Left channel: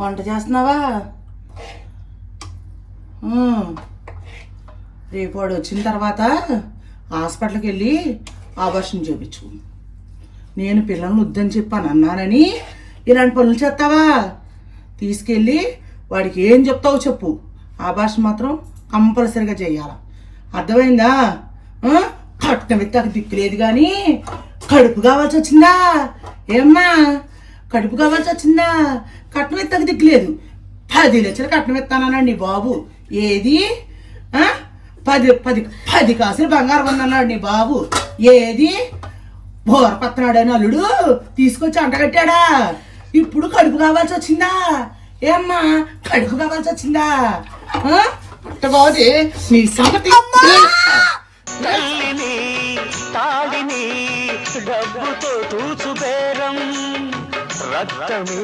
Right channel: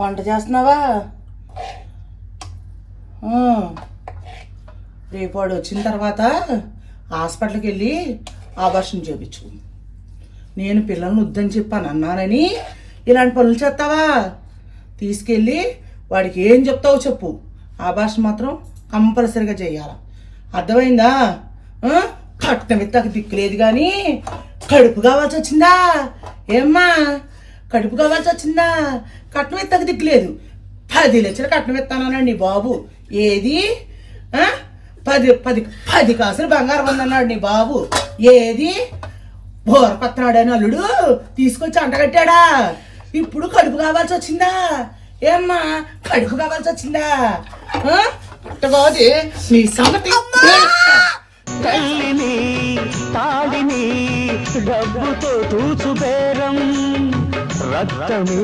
వంట చేస్తున్నావా? రేపు వాడు వచ్చిన తర్వాత హాస్పిటల్కి వెళ్ళి ఆపరేషన్ చేయించు. నేను పిల్లల్ని వద్దని చెప్పాను అన్నానని ఇలాంటి పనులు చేస్తావా? తీసుకెళ్ళి వాడికి ఏం చెప్తావు చెప్పు. ఆపరేషన్ మాత్రం కంపల్సరీగా చేయాలి. అర్థమైందా? కట్నం ఎత్తాక దిక్కులేదు కానీ కడుపు కావాల్సి వచ్చిందా? ఏమ్మా కడుపు కావాల్సి వచ్చిందా? కట్నం ఎత్తాక దిక్కులేదు. 10 లక్షలు కట్నం ఎత్తానన్నాడు నీ బాబు. ఏది 10 కాసులు బంగారం ఉందన్నాడు నీ బాబు. ఏది బోరపత్రాడు అని అల్లుడు తీసుకొచ్చి అంటగట్టాడా? ఇప్పుడు కడుపు కావాల్సి వచ్చిందా? ఏమ్మా కడుపు కావాల్సి వచ్చిందా? బాగుంది నీ సంగతి. తాడిని డబ్బుతో చూసు బేరం రక్తమే